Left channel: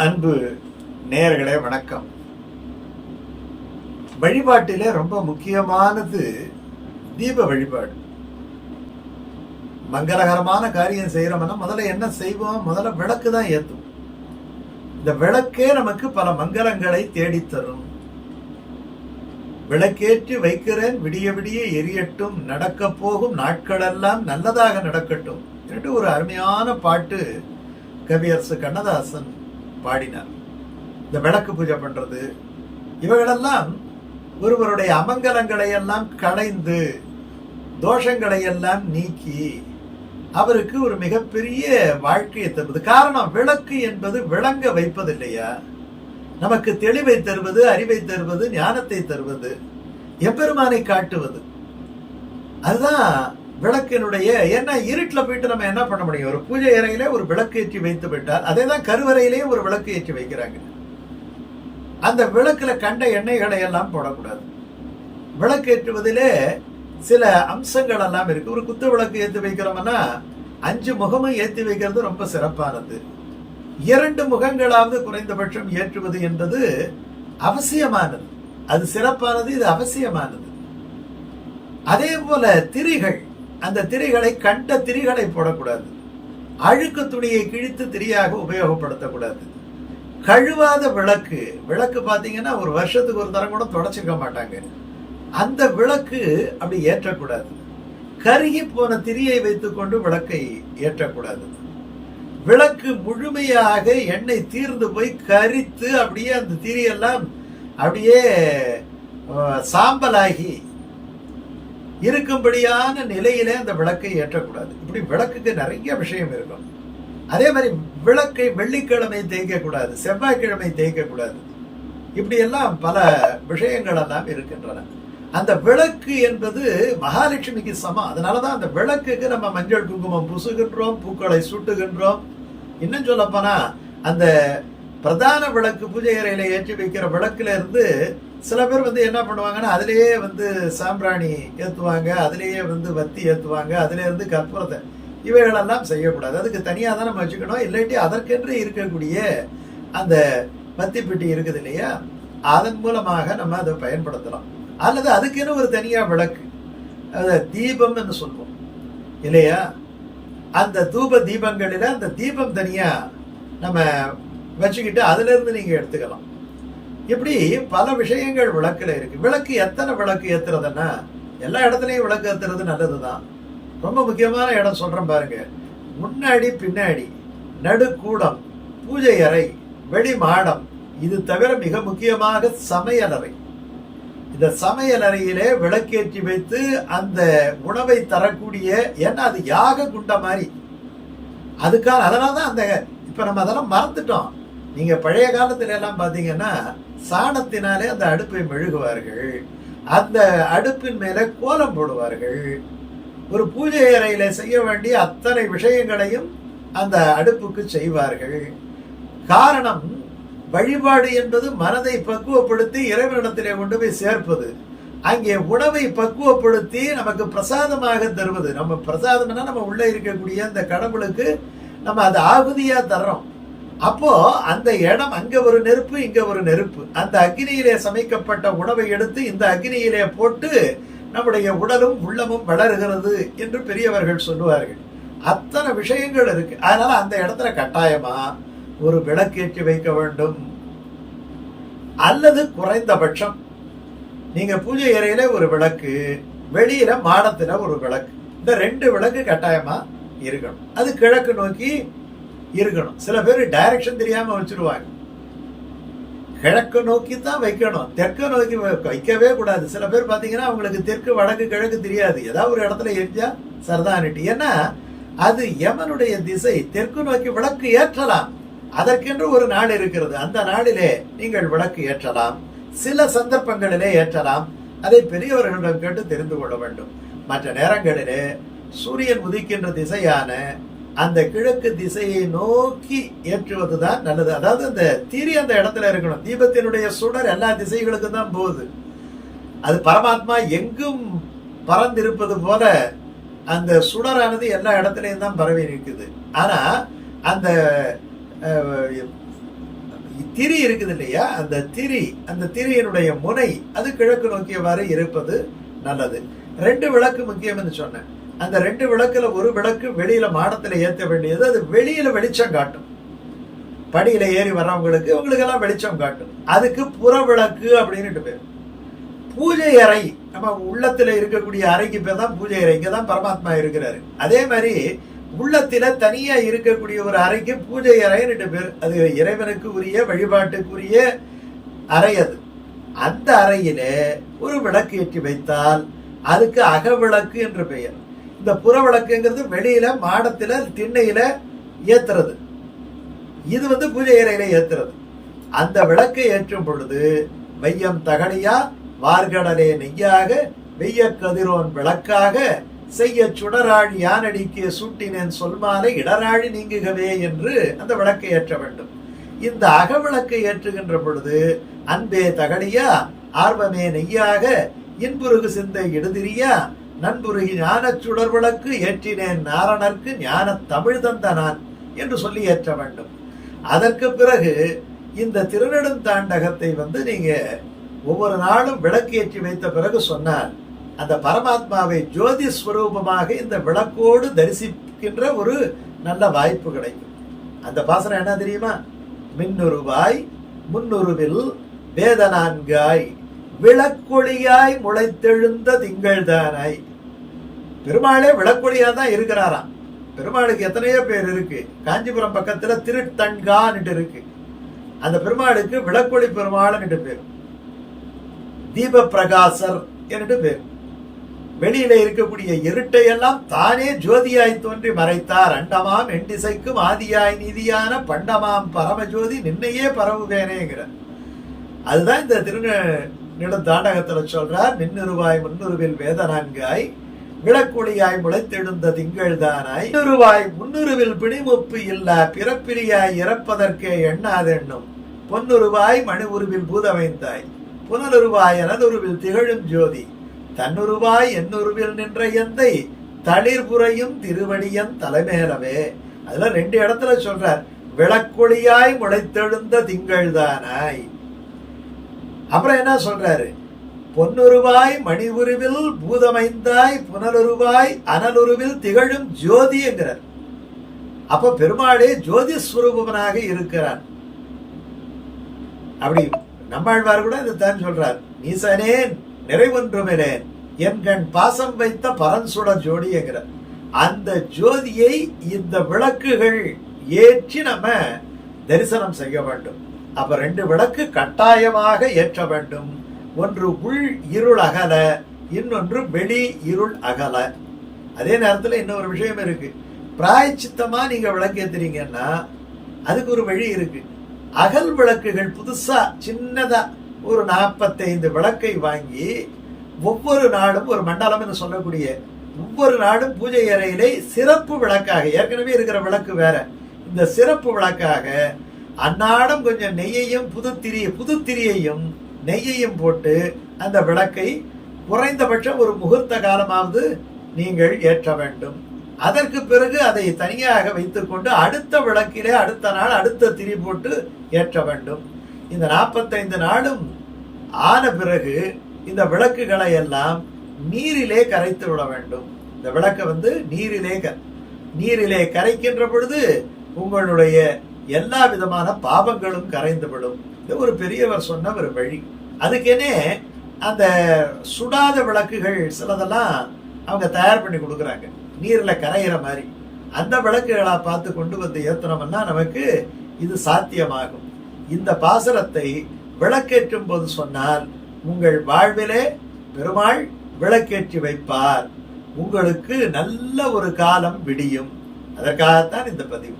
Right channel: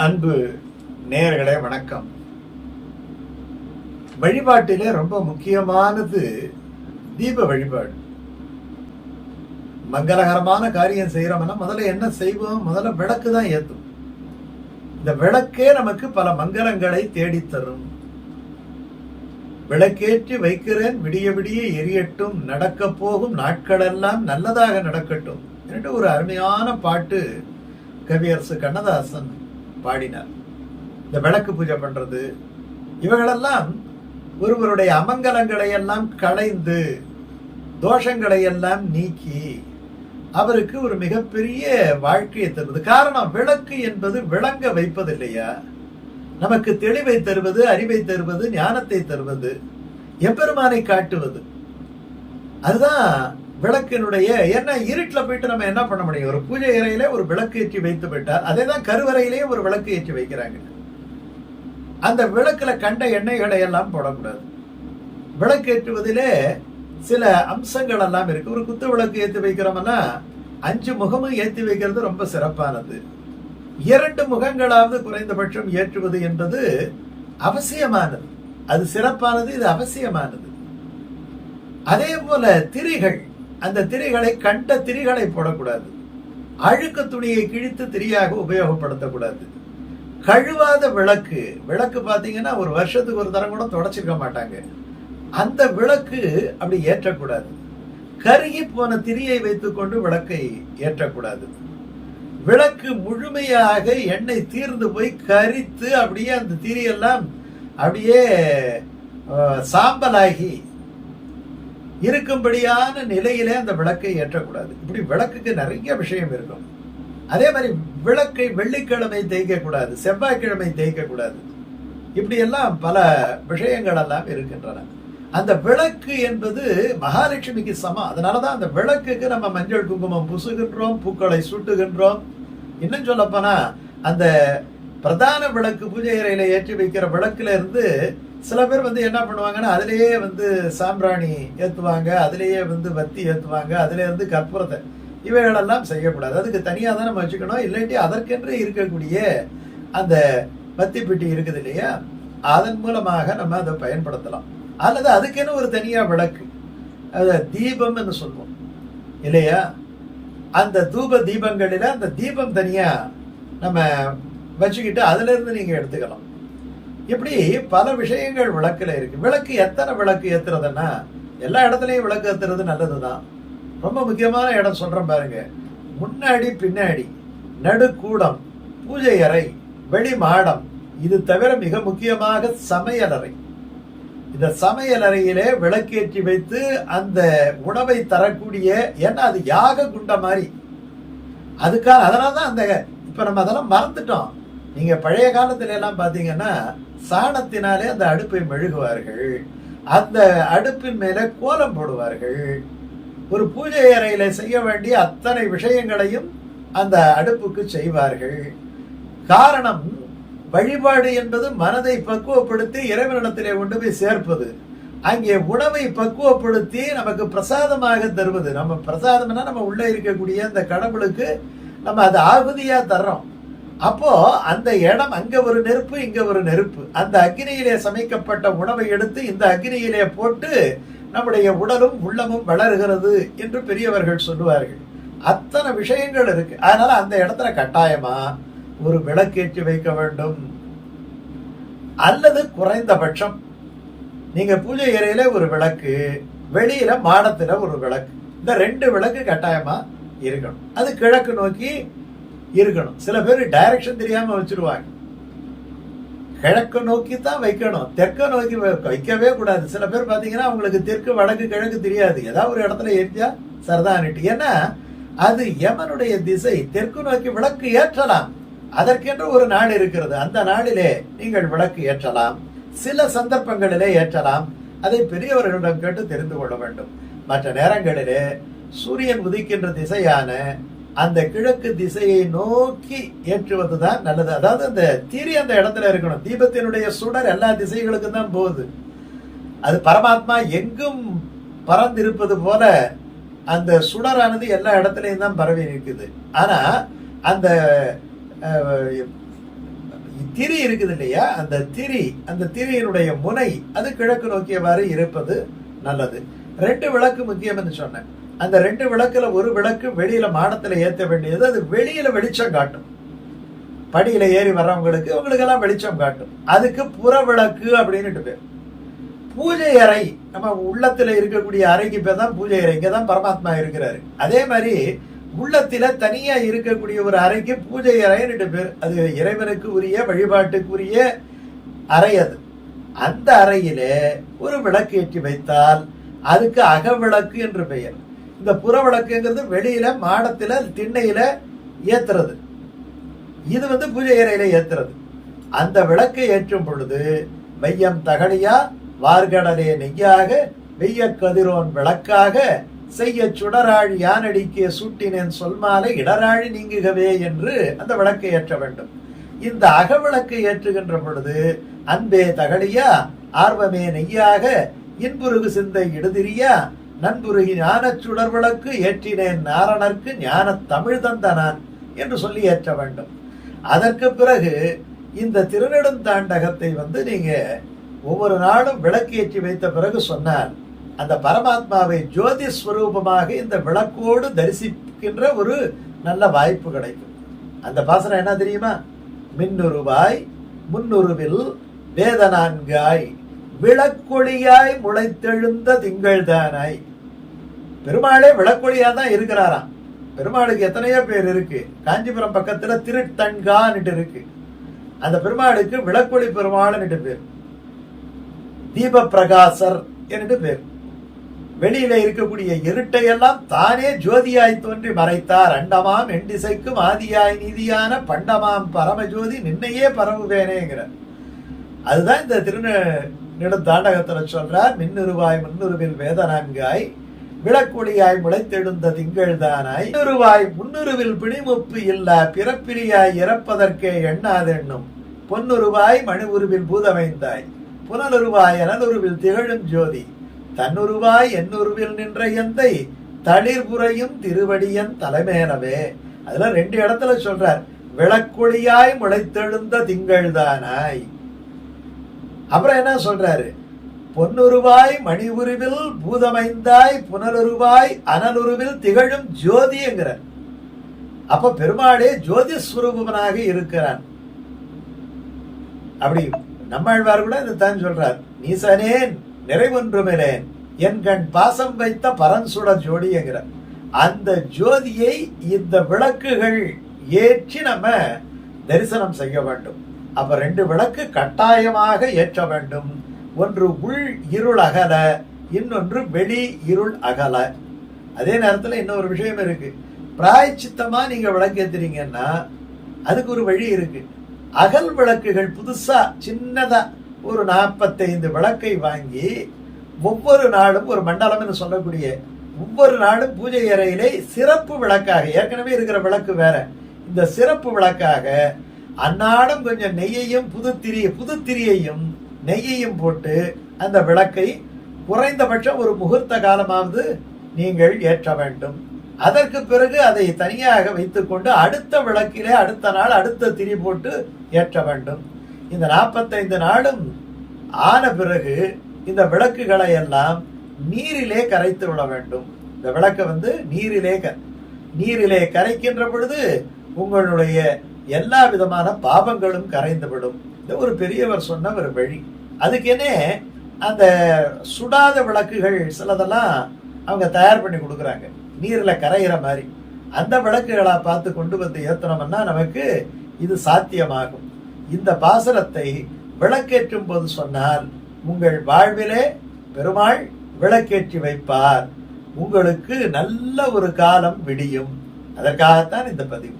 அன்பு நேயர்களே வணக்கம். வழிபாட்டிலே ரொம்ப முக்கியமானது தீப வழிபாடு. மங்களகரமான காரியம் செய்யறோம்னா முதல்ல என்ன செய்வோம்? முதல்ல விளக்கு தான் ஏத்தும். இந்த விளக்கே நமக்கு பல மங்களங்களை தேடித்தரும். விளக்கேற்றி வைக்கிறேன் விடிய விடிய எரியட்டும், நடக்க போகும் நாட்களெல்லாம் நல்லதாக நடக்கட்டும் என்று ஒரு அருமையான பாட்டு கவியரசு கண்ணதாசன் பாடினார். இந்த விளக்கு பூஜை பண்றது இவைகளெல்லாம் ஒருவருடைய அமங்கலங்களை எல்லாம் களைந்து தோஷங்களை எல்லாம் நீக்கி அவருக்கு ஒரு மிகப்பெரிய வாழ்க்கையை தருவது. காரணம், விளக்கு என்பது விளங்க வைப்பது இல்லையா, நமக்கு தெளிவை தருவது, அறிவை தருவது, ஞானத்தை தருவது, எம்பெருமானை காட்டுவது. அதுதான் விளக்கினுடைய என்ன. இருட்டில் போயிட்டு நம்ம என்ன பண்ண முடியும்? ஒரு பூஜை அறையில ஒரு விளக்கு ஏற்றி வைத்து விட்டால் அதே தான் கருவறையிலேயே ஒரு விளக்கு ஏற்றி வைக்கிறாங்க. அந்த விளக்குல கண்ட எண்ணெய்களை எல்லாம் போடக்கூடாது. விளக்கு ஏற்றுவதிலே சில அம்சங்கள் எல்லாம் இருக்கு. ஒரு குத்து விளக்கு ஏற்றி வைக்கிறோம்னா 5 முகமும் ஏற்றி வைக்கிறது ரொம்ப சிறப்பானது. 2 முகங்களாவது குறைந்தபட்சம் ஏற்றுவது என்பது அவசியமானது. அது சிறப்பானது, இது அவசியமானது. அதே போல திரிகள், அந்த திரிகளை கண்ட திரிகளை போடக்கூடாது. அழுக்கு துணியை கிழித்து திரியாக உபயோகப்படுத்தக்கூடாது. கழுவாத விளக்கு பாத்தீங்கன்னா ஒரு வருஷத்துக்கு ஒரு தரம் கூட தொடச்சிருக்க மாட்டாங்க. அந்த விளக்கு அப்படி ஏற்றக்கூடாது. கருகி போன திரியை வைத்துக் கொண்டு விளக்கை ஏற்றக்கூடாது. விளக்கு முழுமையாக எண்ணெய் தீர்ந்து போய் கரித்து அப்படியே அந்த திரியெல்லாம் அப்படியே சாம்பலாகி இருக்கும்படியான நிலையிலே அந்த விளக்கை ஏற்றக்கூடாது. இப்படி விளக்குக்கு நிறைய விஷயம் இருக்கும். அதே மாதிரி விளக்கை வெள்ளிக்கிழமை தேய்க்க கூடாது, செவ்வாய்க்கிழமை தேய்க்க கூடாது. இப்படி எல்லாம் பல விஷயங்கள் எல்லாம் இருக்கின்றன. அந்த விளக்கு என்பது மகாலட்சுமிக்கு சமம். அதனாலதான் அந்த விளக்குக்கு நம்ம மஞ்சள் குங்குமம் பூசுகின்றோம், பூக்களை சூட்டுகின்றோம். இன்னும் சொல்ல போனா அந்த பிரதான விளக்கு பூஜை அறையில ஏற்றி வைக்கிற விளக்குல இருந்து சில பேர் என்ன பண்ணுவாங்கன்னா அதிலேயே சாம்பிராணி ஏத்துவாங்க, அதிலேயே வத்தி ஏத்துவாங்க, அதுல இருந்து கற்பூரத்தை, இவைகளெல்லாம் செய்யக்கூடாது. அதுக்கு தனியா தான் நம்ம வச்சுக்கணும். இல்லாட்டி அதற்கென்று இருக்கக்கூடிய அந்த வத்தி பெட்டி இருக்குது இல்லையா, அதன் மூலமாக நம்ம அதை பயன்படுத்தலாம். அல்லது அதுக்குன்னு ஒரு தனியா விளக்கு, அத தீபம் என்று சொல்லுவோம் இல்லையா, அந்த தூப தீபங்களில அந்த தீபம் தனியா நம்ம வச்சுக்கிட்டு அதுல இருந்து நீங்க எடுத்துக்கலாம். இப்படி பல விஷயங்கள் விளக்குல இருக்கு. விளக்கு எத்தனை விளக்கு ஏத்துறதுன்னா எல்லா இடத்துலயும் விளக்கு ஏத்துறது நல்லதுதான். ரொம்ப முக்கியமான இடம் சொல்றேன் பாருங்க. முன்னாடி பின்னாடி நடுக்கூடம், பூஜை அறை, வெளி மாடம், இது தவிர மிக முக்கியமாக சமையலறை. இந்த சமையலறையிலே விளக்கேற்றி வைத்து அந்த உணவை தரக்கூடிய, ஏன்னா அது யாக குண்ட மாதிரி அதுக்கான, அதனாலதான் அந்த இப்ப நம்ம அதெல்லாம் மறந்துட்டோம். நீங்க பழைய காலத்துல எல்லாம் பாத்தீங்கன்னா சாணத்தினாலே அந்த அடுப்பை மெழுகுவார்கள், அந்த அடுப்பின் மேல கோலம் போடுவார்கள். ஒரு பூஜை அறையில செய்ய வேண்டிய அத்தனை விஷயங்களையும் அந்த அடுப்புக்கு செய்வார்கள். காரணம், வழிபாடு என்பது மனதை பக்குவப்படுத்தி இறைவனிடத்திலே கொண்டு போய் சேர்ப்பது. அங்கே உணவை பக்குவப்படுத்தி நமக்கு பிரசாதமாக தருவது. நம்ம பிரசாதம்னா நம்ம உள்ள இருக்கக்கூடிய அந்த கடவுளுக்கு நம்ம அது ஆகுதியா தர்றோம். அப்போ அந்த இடம், அங்க ஒரு நெருப்பு, இங்க ஒரு நெருப்பு, அந்த அக்னியிலே சமைக்கப்பட்ட உணவை எடுத்து இந்த அக்னியிலே போட்டு நம்முடைய உடலும் உள்ளமும் வளர்கிறது என்று பெரியவர்கள் சொல்லுவார்கள். அத்தனை விஷயங்கள் இருக்கு. அதனால அந்த இடத்துல கட்டாயமா ஒரு விளக்கேற்றி வைக்க வேண்டும். அல்லது குறைந்தபட்சம் நீங்க பூஜை அறையில ஒரு விளக்கு, வெளியில மாடத்துல ஒரு விளக்கு, இந்த 2 விளக்கு கட்டாயமா இருக்கணும். அது கிழக்கு நோக்கி இருக்கணும். சில பேர் டைரக்ஷன் தெரியாம வச்சிருவாங்க. கிழக்கு நோக்கி தான் வைக்கணும், தெற்க நோக்கி வைக்கவே கூடாது. சில பேர் பாத்தீங்கன்னா அவங்களுக்கு தெற்கு வடக்கு கிழக்கு தெரியாது. ஏதாவது ஒரு இடத்துல எரிஞ்சா சரதானிட்டு, ஏன்னா அது யமனுடைய திசை. தெற்கு நோக்கி விளக்கு ஏற்றலாம், அதற்கென்று ஒரு நாள் இருக்கிறது. அந்த நாளிலே நீங்கள் விளக்கு ஏற்றலாம், சில சந்தர்ப்பங்களிலே ஏற்றலாம். அதை பெரியவர்களிடம் கேட்டு தெரிந்து கொள்ள வேண்டும். மற்ற நேரங்களிலே சூரியன் உதிக்கின்ற திசையான அந்த கிழக்கு திசையை நோக்கி ஏற்றுவதுதான் நல்லது. அதாவது அந்த தீரி அந்த இடத்துல இருக்கணும். தீபத்தினுடைய சுடர் எல்லா திசைகளுக்கும் தான் போகுது. அது பரமாத்மா எங்கும் பறந்திருப்பது போல அந்த சுடரானது எல்லா இடத்துலையும் தான் பரவி இருக்குது. ஆனா அந்த திரி இருக்குது இல்லையா, அந்த திரியினுடைய முனை அது கிழக்கு நோக்கியவாறு இருப்பது நல்லது. 2 விளக்கு முக்கியம்னு சொன்னேன். அந்த 2 விளக்குல ஒரு விளக்கு வெளியில மாடத்துல ஏத்த வேண்டியது, அது வெளியில வெளிச்சம் காட்டும். படியில ஏறி வர்றவங்களுக்கு எல்லாம் வெளிச்சம் காட்டும். அதுக்கு புற விளக்கு அப்படின்னு பேர். பூஜை அறை, நம்ம உள்ளத்துல இருக்கக்கூடிய அறைக்கு பேர் தான் பூஜை அறை. இங்கதான் பரமாத்மா இருக்கிறாரு. அதே மாதிரி உள்ளத்தில தனியா இருக்கக்கூடிய ஒரு அறைக்கு பூஜை அறைன்னு பேர். அது இறைவனுக்கு உரிய வழிபாட்டுக்குரிய அறை. அது அந்த அறையில ஒரு விளக்கு ஏற்றி வைத்தால் அதுக்கு அகவிளக்கு என்று பெயர். இந்த புற விளக்குங்கிறது வெளியில மாடத்துல திண்ணையில ஏத்துறது. இது பூஜை அறையில ஏத்துறது. அந்த விளக்கை ஏற்றும் பொழுது மையம் தகடியா வார்கடலே நெய்யாக வெய்ய கதிரோன் விளக்காக செய்ய சுடராழி யானடிக்கே சூட்டினேன் சொல்மாலை இடராழி நீங்குகவே என்று அந்த விளக்கை ஏற்ற வேண்டும். இந்த அகவிளக்கை ஏற்றுகின்ற பொழுது அன்பே தகடியா ஆர்வமே நெய்யாக இன்புருகு சிந்தை இடுதிரியா நண்புருகி ஞான சுடர் விளக்கு ஏற்றினேன் நாரணர்க்கு ஞான தமிழ் தந்த நான் என்று சொல்லி ஏற்ற வேண்டும். அதற்கு பிறகு இந்த திருநெடுந்தாண்டகத்தை நீங்க ஒவ்வொரு நாளும் விளக்கு ஏற்றி வைத்த பிறகு சொன்னால் அந்த பரமாத்மாவை ஜோதி ஸ்வரூபமாக இந்த விளக்கோடு தரிசிக்கின்ற ஒரு நல்ல வாய்ப்பு கிடைக்கும். அந்த பாசனம் என்ன தெரியுமா? மின்னுருவாய் முன்னுருவில் வேதனான்காய் விளக்கொளியாய் முளைத்தெழுந்த திங்கள் தானாய். பெருமாளே விளக்கொளியா தான் இருக்கிறாராம். பெருமாளுக்கு எத்தனையோ பேர் இருக்கு. காஞ்சிபுரம் பக்கத்துல திருத்தன்கான்னு இருக்கு. அந்த பெருமாளுக்கு விளக்கொளி பெருமாள்னு பேர். தீப பிரகாசர் என்று பேர். வெளியில இருக்கக்கூடிய இருட்டையெல்லாம் தானே ஜோதியாய் தோன்றி மறைத்தார். அண்டமாம் எண்டிசைக்கும் ஆதியாய் நீதியான பண்டமாம் பரமஜோதி நின்னையே பரவுவேனேங்கிற. அதுதான் இந்த திருநெடுந்தாண்டகத்துல சொல்றார். மின்னுருவாய் முன்னுருவில் வேதனான்காய் விளக்கொளியாய் முளைத்தெழுந்த திங்கள் தானாய் இன்னுருவாய் முன்னுருவில் பிணிமுப்பு இல்ல பிறப்பிலியாய் இறப்பதற்கே எண்ணாதெண்ணும் பொன்னுருவாய் மணி உருவில் பூதமைந்தாய் புனலுருவாய் எனலுருவில் திகழும் ஜோதி தன்னுருவாய் என்னுருவில் நின்ற எந்தை தளிர்புறையும் திருவடியன் தலைமேனவே. அதுல 2 இடத்துல சொல்றார். விளக்கொளியாய் முளைத்தெழுந்த திங்கள் தானாய். அப்புறம் என்ன சொல்றாரு? பொன்னுருவாய் மணி உருவில் பூதமைந்தாய் புனலுருவாய் அனலுருவில் திகழும் ஜோதி என்கிறார். அப்ப பெருமாளே ஜோதி ஸ்வரூபனாக இருக்கிறான். அப்படி நம்மாழ்வார் கூட இதைத்தான் சொல்றார். நீசனேன் நிறைவொன்றுமிலேன் என் கண் பாசம் வைத்த பரன்சுடர் ஜோடி என்கிறார். அந்த ஜோதியை இந்த விளக்குகள் ஏற்றி நம்ம தரிசனம் செய்ய வேண்டும். அப்ப 2 விளக்கு கட்டாயமாக ஏற்ற வேண்டும். ஒன்று உள் இருள் அகல, இன்னொன்று வெளி இருள் அகல. அதே நேரத்தில் இன்னொரு விஷயம் இருக்கு. பிராயச்சித்தமா நீங்க விளக்கு ஏத்துறீங்கன்னா அதுக்கு ஒரு வழி இருக்கு. அகல் விளக்குகள் புதுசா சின்னதா ஒரு 45 விளக்கை வாங்கி ஒவ்வொரு நாளும் ஒரு மண்டலம் சொல்லக்கூடிய ஒவ்வொரு நாளும் பூஜை அறையிலே சிறப்பு விளக்காக, ஏற்கனவே இருக்கிற விளக்கு வேற, இந்த சிறப்பு விளக்காக அன்னாடம் கொஞ்சம் நெய்யையும் புதுத்திரியையும் நெய்யையும் போட்டு அந்த விளக்கை குறைந்தபட்சம் ஒரு முகூர்த்த காலமாவது நீங்கள் ஏற்ற வேண்டும். அதற்கு பிறகு அதை தனியாக வைத்துக்கொண்டு அடுத்த விளக்கிலே அடுத்த நாள் அடுத்த திரி போட்டு ஏற்ற வேண்டும். இந்த 45 நாளும் ஆன பிறகு இந்த விளக்குகளை எல்லாம் நீரிலே கரைத்து விட வேண்டும். இந்த விளக்கை நீரிலே கரைக்கின்ற பொழுது உங்களுடைய எல்லா விதமான பாவங்களும் கரைந்து விடும். இது ஒரு பெரியவர் சொன்ன ஒரு வழி. அதுக்கெனே அந்த சுடாத விளக்குகள் சிலதெல்லாம் அவங்க தயார் பண்ணி கொடுக்குறாங்க, நீர்ல கரையிற மாதிரி. அந்த விளக்குகளா பார்த்து கொண்டு வந்து ஏத்தனம்னா நமக்கு இது சாத்தியமாகும். இந்த பாசனத்தை விளக்கேற்றும் போது சொன்னால் உங்கள் வாழ்விலே பெருமாள் விளக்கேற்றி வைப்பார். உங்களுக்கு நல்ல ஒரு காலம் விடியும். அதற்காகத்தான் இந்த பதிவு.